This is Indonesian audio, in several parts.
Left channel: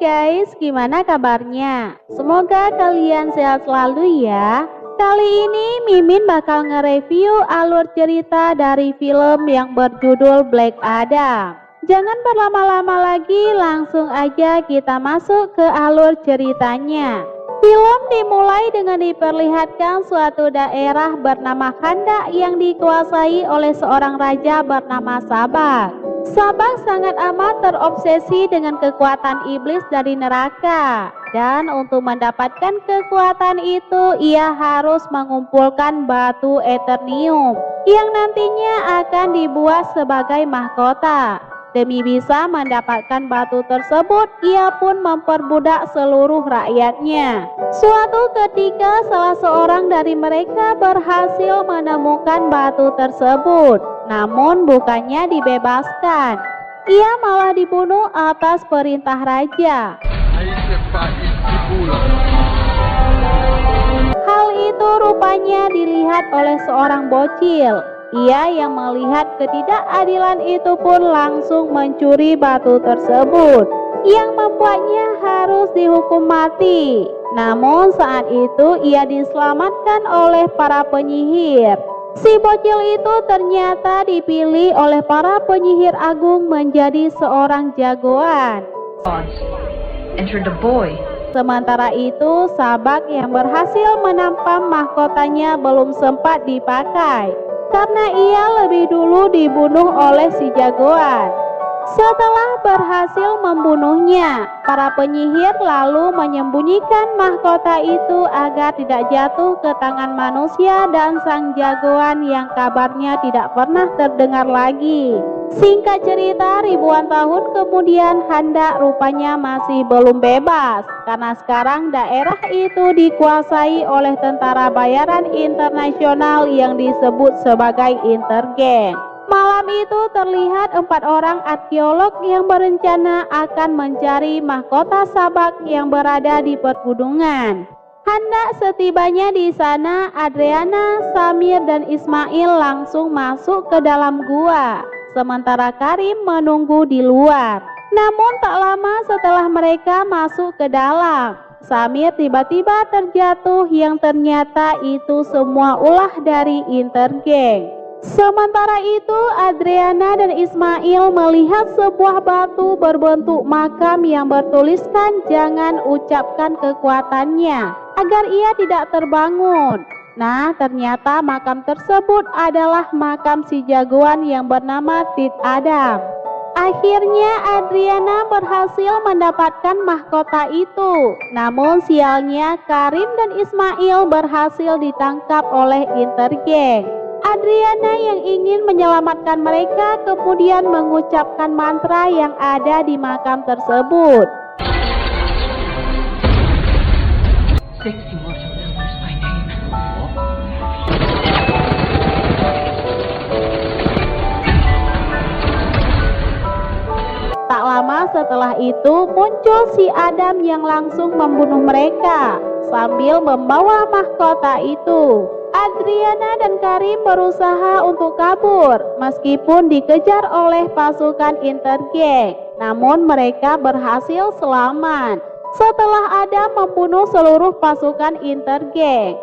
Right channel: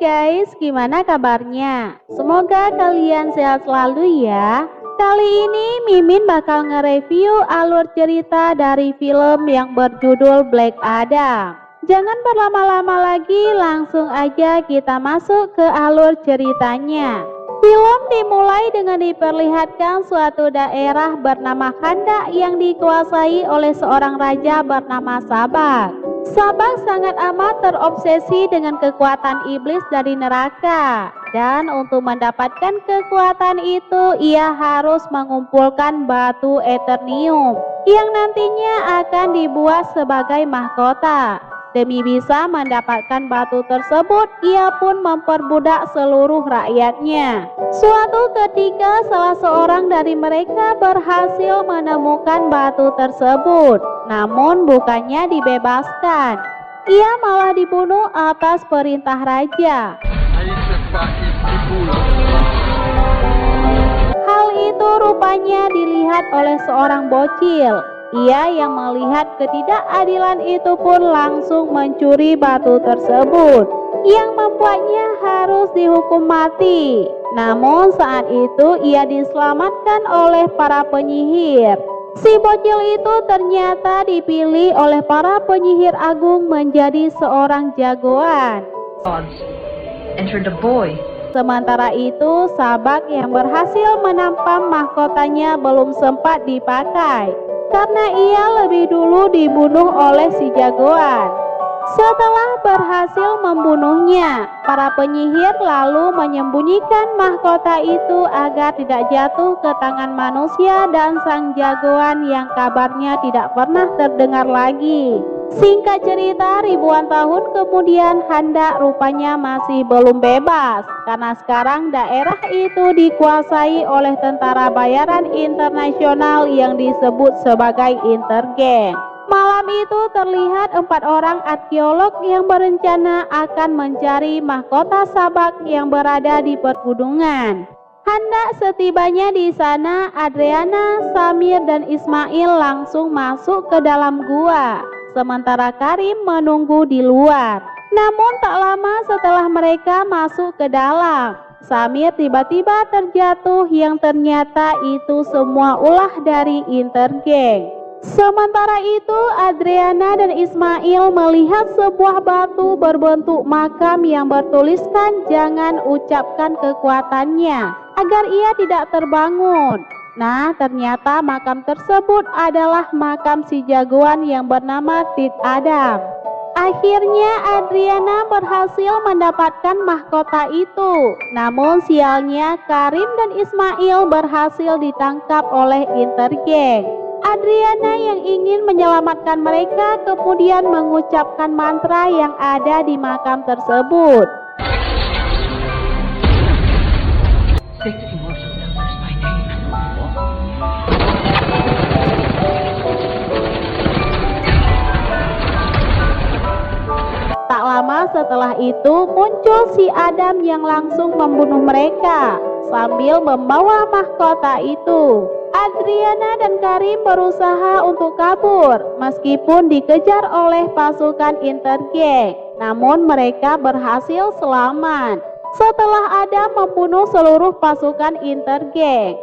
guys, gimana kabarnya? Semoga kalian sehat selalu ya. Kali ini Mimin bakal nge-review alur cerita dari film yang berjudul Black Adam. Jangan berlama-lama lagi, langsung aja kita masuk ke alur ceritanya. Film dimulai dengan diperlihatkan suatu daerah bernama Kanda yang dikuasai oleh seorang raja bernama Sabah. Sabah sangat amat terobsesi dengan kekuatan iblis dari neraka. Dan untuk mendapatkan kekuatan itu, ia harus mengumpulkan batu Eternium yang nantinya akan dibuat sebagai mahkota. Demi bisa mendapatkan batu tersebut, ia pun memperbudak seluruh rakyatnya. Suatu ketika salah seorang dari mereka berhasil menemukan batu tersebut, namun bukannya dibebaskan. Ia malah dibunuh atas perintah raja. Hal itu rupanya dilihat oleh seorang bocil. Ia yang melihat ketidakadilan itu pun langsung mencuri batu tersebut, yang membuatnya harus dihukum mati. Namun saat itu ia diselamatkan oleh para penyihir. Si bocil itu ternyata dipilih oleh para penyihir agung menjadi seorang jagoan. Enter the boy. Sementara itu, Sabak yang berhasil menampam mahkotanya belum sempat dipakai, karena ia lebih dulu dibunuh oleh si jagoan. Setelah berhasil membunuhnya, para penyihir lalu menyembunyikan mahkota itu agar tidak jatuh ke tangan manusia dan sang jagoan yang kabarnya tidak pernah terdengar lagi. Singkat cerita, ribuan tahun kemudian Kanda rupanya masih belum bebas, karena sekarang daerah itu dikuasai oleh tentara bayaran internasional yang disebut sebagai Intergang. Malam itu terlihat 4 orang arkeolog yang berencana akan mencari mahkota Sabak yang berada di pergunungan. Hendak setibanya di sana, Adriana, Samir, dan Ismail langsung masuk ke dalam gua, sementara Karim menunggu di luar. Namun tak lama setelah mereka masuk ke dalam, Samir tiba-tiba terjatuh yang ternyata itu semua ulah dari Intergang. Sementara itu, Adriana dan Ismail melihat sebuah batu berbentuk makam yang bertuliskan jangan ucapkan kekuatannya agar ia tidak terbangun. Nah, ternyata makam tersebut adalah makam si jagoan yang bernama Tit Adam. Akhirnya Adriana berhasil mendapatkan mahkota itu. Namun sialnya Karim dan Ismail berhasil ditangkap oleh Intergang. Adriana yang ingin menyelamatkan mereka kemudian mengucapkan mantra yang ada di makam tersebut. Tak lama setelah itu muncul si Adam yang langsung membunuh mereka sambil membawa mahkota itu. Adriana dan Karim berusaha untuk kabur meskipun dikejar oleh pasukan Intergang. Namun mereka berhasil selamat setelah Adam membunuh seluruh pasukan Intergang.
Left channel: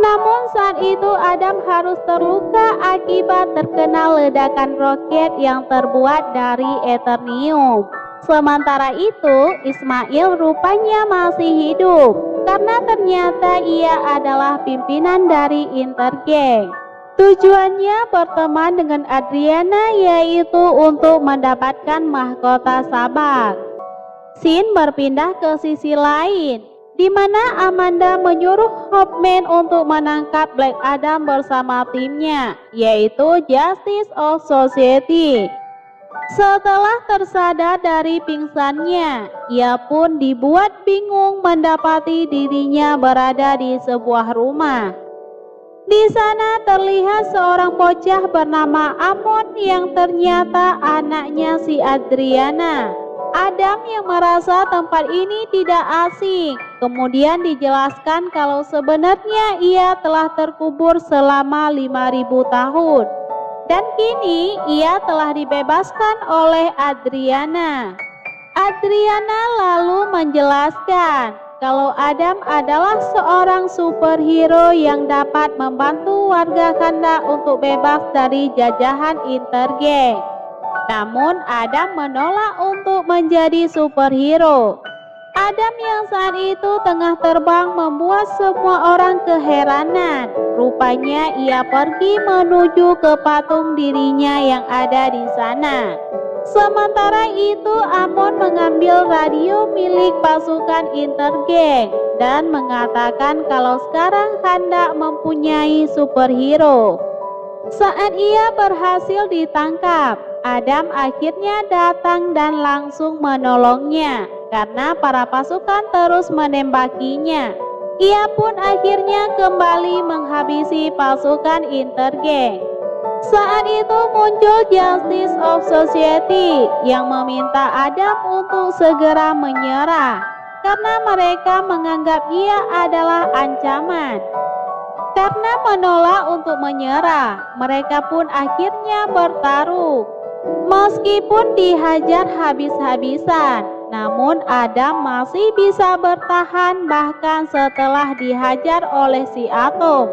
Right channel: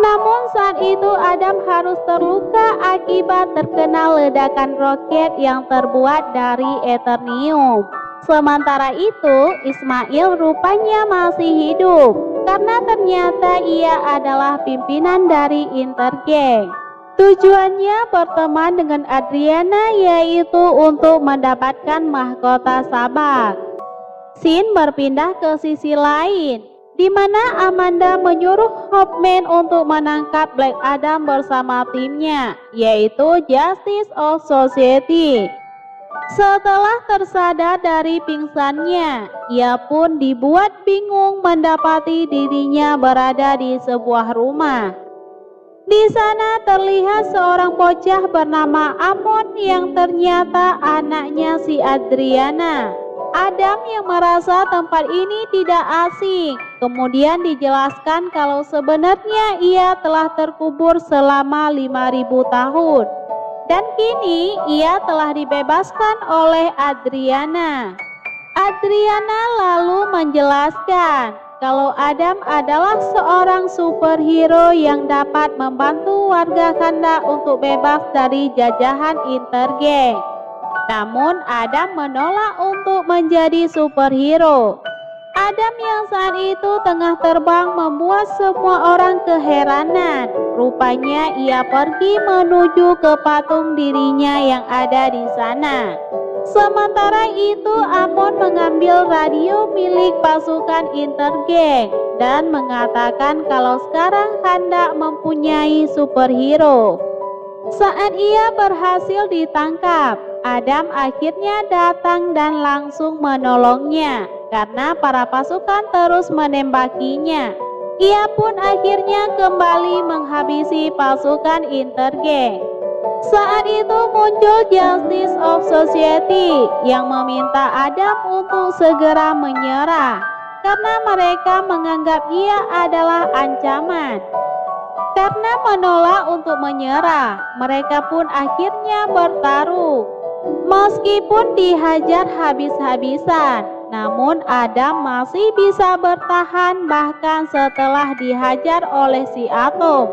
Namun saat itu Adam harus terluka akibat terkena ledakan roket yang terbuat dari Eternium. Sementara itu Ismail rupanya masih hidup karena ternyata ia adalah pimpinan dari Intergang. Tujuannya berteman dengan Adriana yaitu untuk mendapatkan mahkota Sabak. Scene berpindah ke sisi lain, di mana Amanda menyuruh Batman untuk menangkap Black Adam bersama timnya, yaitu Justice of Society. Setelah tersadar dari pingsannya, ia pun dibuat bingung mendapati dirinya berada di sebuah rumah. Di sana terlihat seorang bocah bernama Amon yang ternyata anaknya si Adriana. Adam yang merasa tempat ini tidak asing. Kemudian dijelaskan kalau sebenarnya ia telah terkubur selama 5.000 tahun. Dan kini ia telah dibebaskan oleh Adriana. Adriana lalu menjelaskan kalau Adam adalah seorang superhero yang dapat membantu warga Kanda untuk bebas dari jajahan Intergang. Namun Adam menolak untuk menjadi superhero. Adam yang saat itu tengah terbang membuat semua orang keheranan. Rupanya ia pergi menuju ke patung dirinya yang ada di sana. Sementara itu Amon mengambil radio milik pasukan Intergang dan mengatakan kalau sekarang Kanda mempunyai superhero. Saat ia berhasil ditangkap, Adam akhirnya datang dan langsung menolongnya karena para pasukan terus menembakinya. Ia pun akhirnya kembali menghabisi pasukan Intergang. Saat itu muncul Justice of Society yang meminta Adam untuk segera menyerah karena mereka menganggap ia adalah ancaman. Karena menolak untuk menyerah, mereka pun akhirnya bertarung. Meskipun dihajar habis-habisan, namun Adam masih bisa bertahan bahkan setelah dihajar oleh si Atom.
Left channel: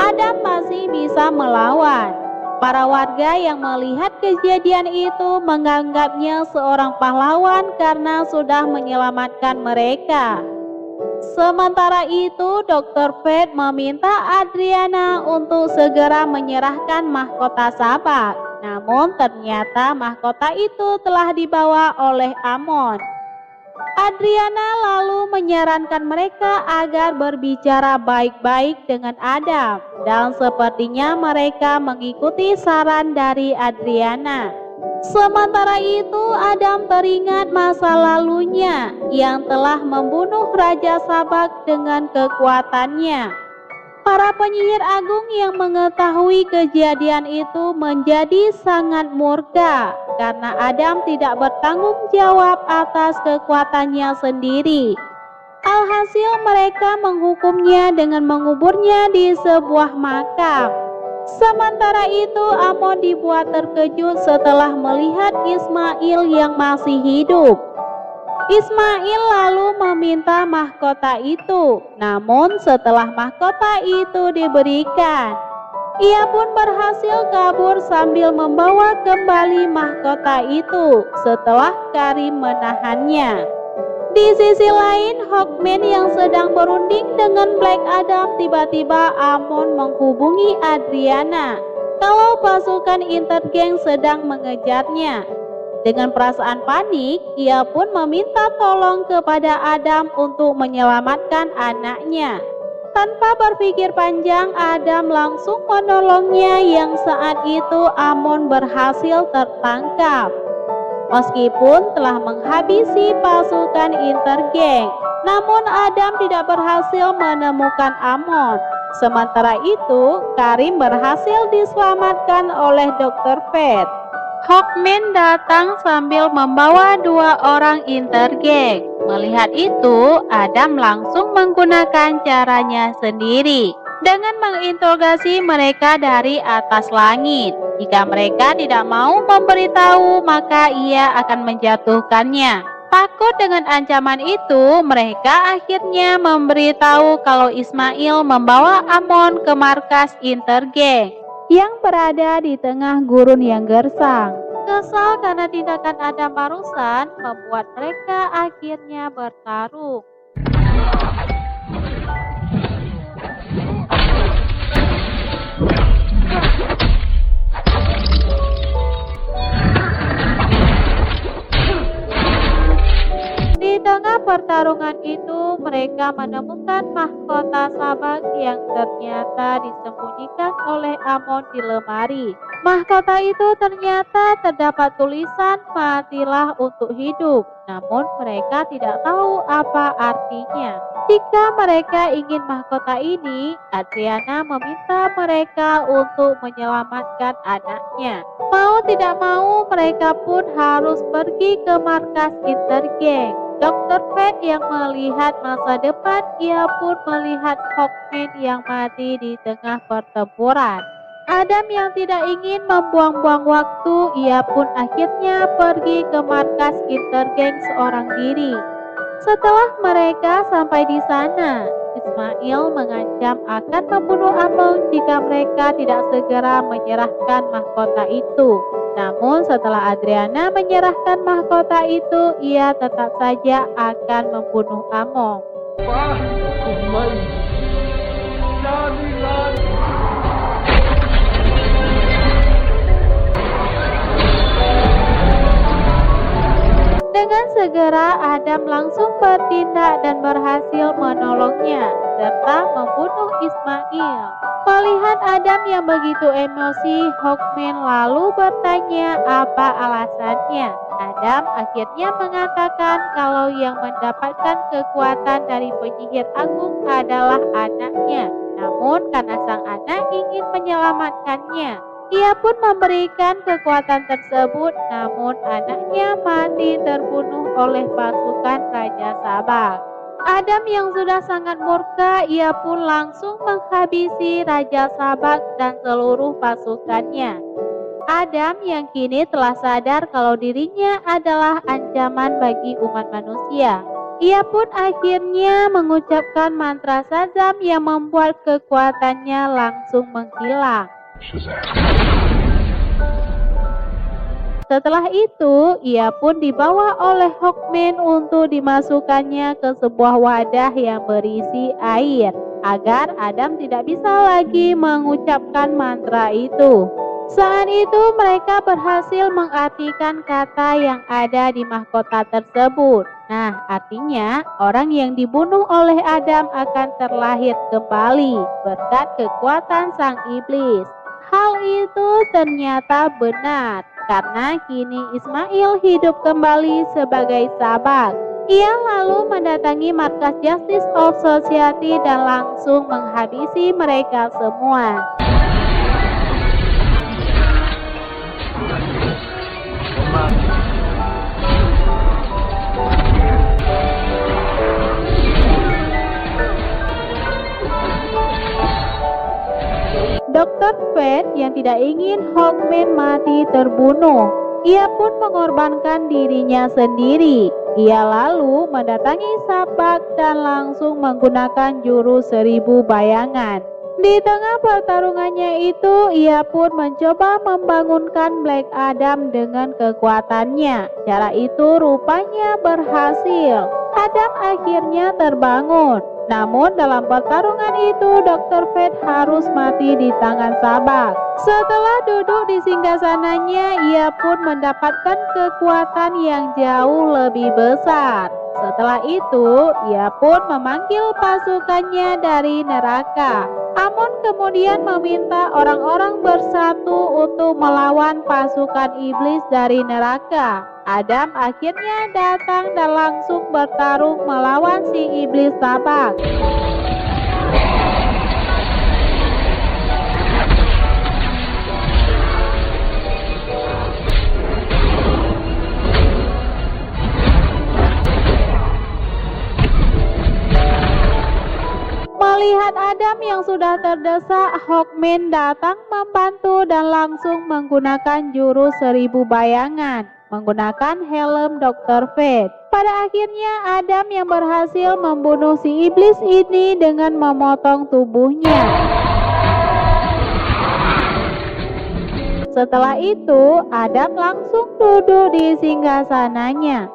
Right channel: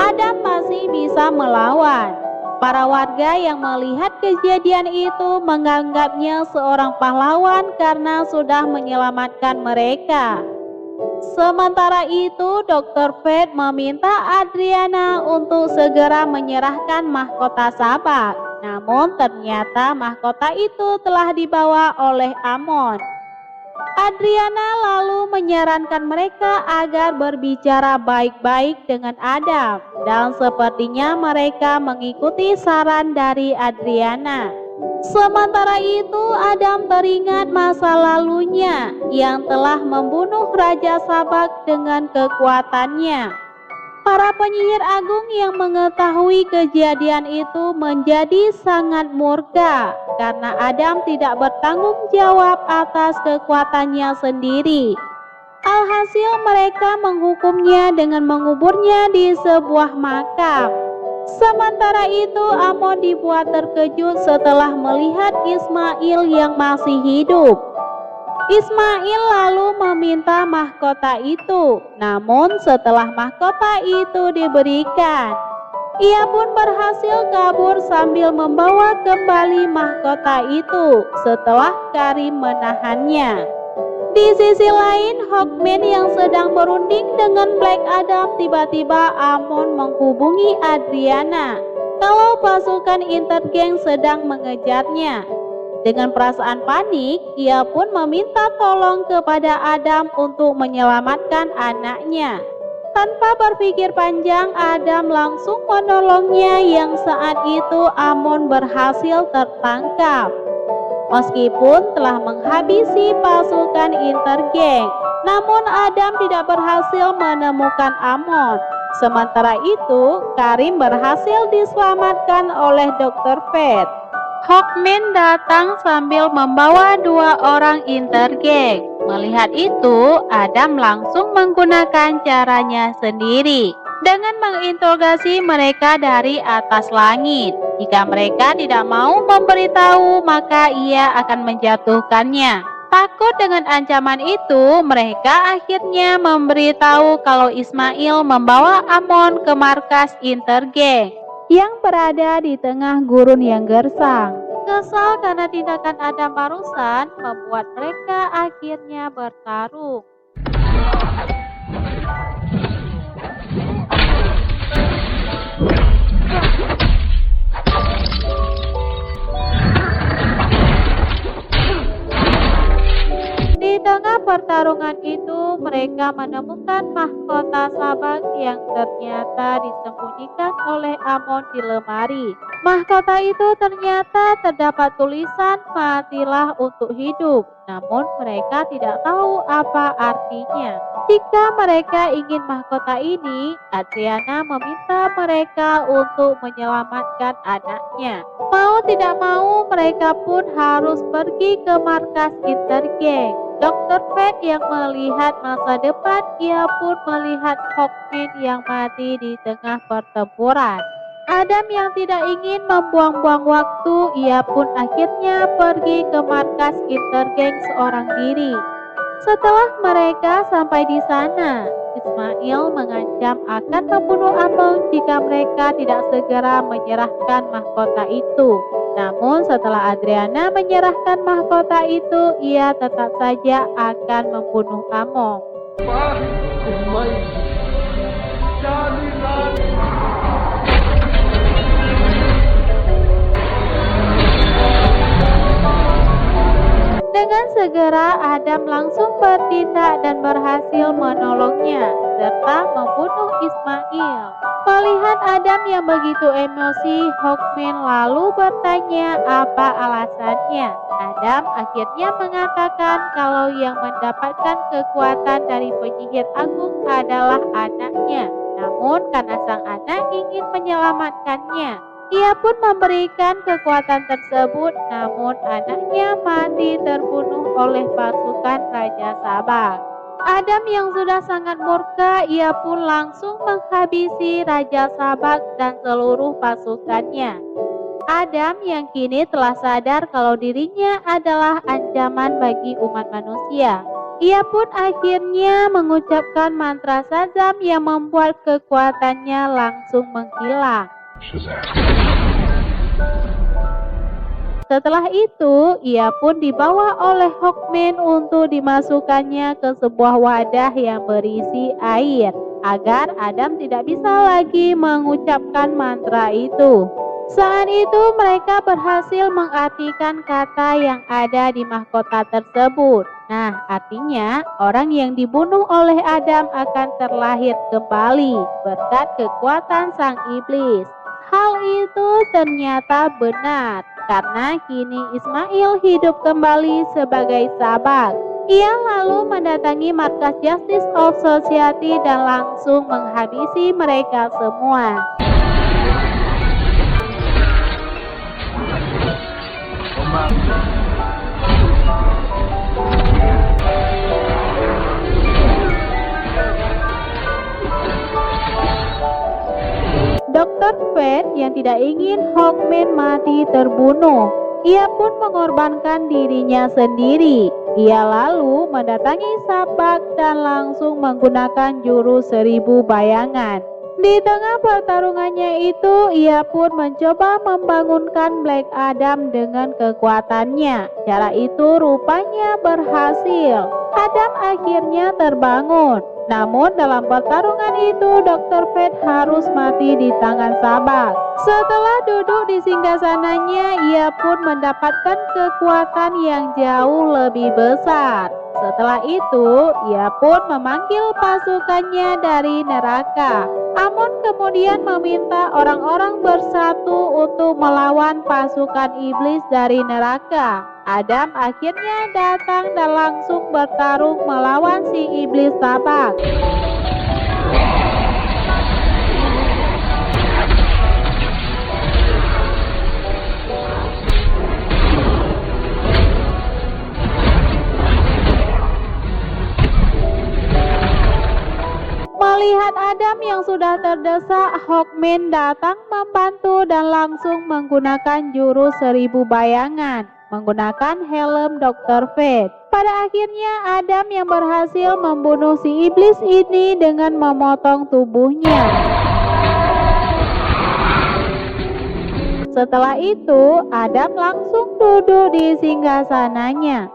Adam masih bisa melawan. Para warga yang melihat kejadian itu menganggapnya seorang pahlawan karena sudah menyelamatkan mereka. Sementara itu, Dr. Fate meminta Adriana untuk segera menyerahkan mahkota Sabak. Namun ternyata mahkota itu telah dibawa oleh Amon. Adriana lalu menyarankan mereka agar berbicara baik-baik dengan Adam. Dan sepertinya mereka mengikuti saran dari Adriana. Sementara itu Adam teringat masa lalunya yang telah membunuh Raja Sabak dengan kekuatannya. Para penyihir agung yang mengetahui kejadian itu menjadi sangat murka karena Adam tidak bertanggung jawab atas kekuatannya sendiri. Alhasil mereka menghukumnya dengan menguburnya di sebuah makam. Sementara itu Amon dibuat terkejut setelah melihat Ismail yang masih hidup. Ismail lalu meminta mahkota itu, namun setelah mahkota itu diberikan, ia pun berhasil kabur sambil membawa kembali mahkota itu setelah Karim menahannya. Di sisi lain, Hawkman yang sedang berunding dengan Black Adam tiba-tiba Amon menghubungi Adriana kalau pasukan Intergang sedang mengejarnya. Dengan perasaan panik, ia pun meminta tolong kepada Adam untuk menyelamatkan anaknya. Tanpa berpikir panjang, Adam langsung menolongnya yang saat itu Amon berhasil tertangkap. Meskipun telah menghabisi pasukan Intergang, namun Adam tidak berhasil menemukan Amon. Sementara itu, Karim berhasil diselamatkan oleh Dr. Fate. Hawkman datang sambil membawa 2 orang Intergang. Melihat itu, Adam langsung menggunakan caranya sendiri dengan menginterogasi mereka dari atas langit. Jika mereka tidak mau memberitahu, maka ia akan menjatuhkannya. Takut dengan ancaman itu, mereka akhirnya memberitahu kalau Ismail membawa Amon ke markas Intergang yang berada di tengah gurun yang gersang. Kesal karena tindakan Adam barusan membuat mereka akhirnya bertarung. Di tengah pertarungan itu, mereka menemukan mahkota Sabak yang ternyata disembunyikan oleh Amon di lemari. Mahkota itu ternyata terdapat tulisan "Matilah untuk hidup". namun mereka tidak tahu apa artinya. Jika mereka ingin mahkota ini, Adriana meminta mereka untuk menyelamatkan anaknya. Mau tidak mau, mereka pun harus pergi ke markas Intergang. Dr. Fred yang melihat masa depan, ia pun melihat Hawkman yang mati di tengah pertempuran. Adam yang tidak ingin membuang-buang waktu, ia pun akhirnya pergi ke markas Intergang seorang diri. Setelah mereka sampai di sana, Ismail mengancam akan membunuh Amon jika mereka tidak segera menyerahkan mahkota itu. Namun setelah Adriana menyerahkan mahkota itu, ia tetap saja akan membunuh Amon. Dengan segera Adam langsung bertindak dan berhasil menolongnya serta membunuh Ismail. Melihat Adam yang begitu emosi, Hawkman lalu bertanya apa alasannya. Adam akhirnya mengatakan kalau yang mendapatkan kekuatan dari penyihir agung adalah anaknya. Namun karena sang anak ingin menyelamatkannya, ia pun memberikan kekuatan tersebut, namun anaknya mati terbunuh oleh pasukan Raja Sabak. Adam yang sudah sangat murka, ia pun langsung menghabisi Raja Sabak dan seluruh pasukannya. Adam yang kini telah sadar kalau dirinya adalah ancaman bagi umat manusia. Ia pun akhirnya mengucapkan mantra Shazam yang membuat kekuatannya langsung menghilang. Setelah itu, ia pun dibawa oleh Hawkman untuk dimasukkannya ke sebuah wadah yang berisi air, agar Adam tidak bisa lagi mengucapkan mantra itu. Saat itu mereka berhasil mengartikan kata yang ada di mahkota tersebut. Nah, artinya orang yang dibunuh oleh Adam akan terlahir kembali berkat kekuatan sang iblis. Hal itu ternyata benar, karena kini Ismail hidup kembali sebagai Sabak. Ia lalu mendatangi markas Justice of Society dan langsung menghabisi mereka semua. Dr. Fate yang tidak ingin Hawkman mati terbunuh. Ia pun mengorbankan dirinya sendiri. Ia lalu mendatangi Sabak dan langsung menggunakan jurus 1000 bayangan. Di tengah pertarungannya itu, ia pun mencoba membangunkan Black Adam dengan kekuatannya. Cara itu rupanya berhasil. Adam akhirnya terbangun. Namun dalam pertarungan itu, Dr. Fate harus mati di tangan Sabak. Setelah duduk di singgasananya, ia pun mendapatkan kekuatan yang jauh lebih besar. Setelah itu, ia pun memanggil pasukannya dari neraka. Amon kemudian meminta orang-orang bersatu untuk melawan pasukan iblis dari neraka. Adam akhirnya datang dan langsung bertarung melawan si iblis Sabak. Melihat Adam yang sudah terdesak, Hawkman datang membantu dan langsung menggunakan jurus 1000 bayangan, menggunakan helm Dr. Fate. Pada akhirnya Adam yang berhasil membunuh si iblis ini dengan memotong tubuhnya. Setelah itu, Adam langsung duduk di singgasananya.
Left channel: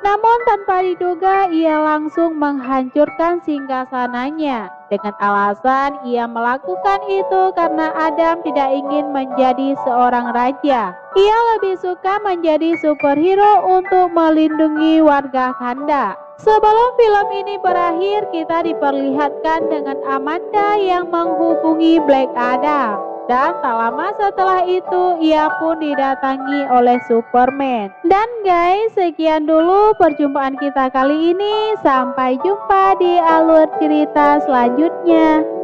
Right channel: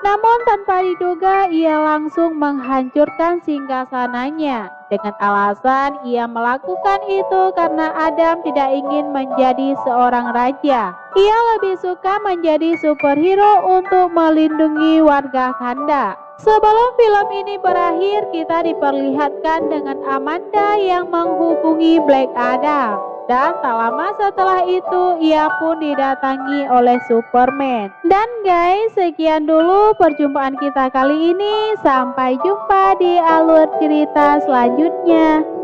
Namun tanpa diduga, ia langsung menghancurkan singgasananya. Dengan alasan ia melakukan itu karena Adam tidak ingin menjadi seorang raja. Ia lebih suka menjadi superhero untuk melindungi warga Kanda. Sebelum film ini berakhir, kita diperlihatkan dengan Amanda yang menghubungi Black Adam. Dan tak lama setelah itu ia pun didatangi oleh Superman. Dan guys, sekian dulu perjumpaan kita kali ini. Sampai jumpa di alur cerita selanjutnya.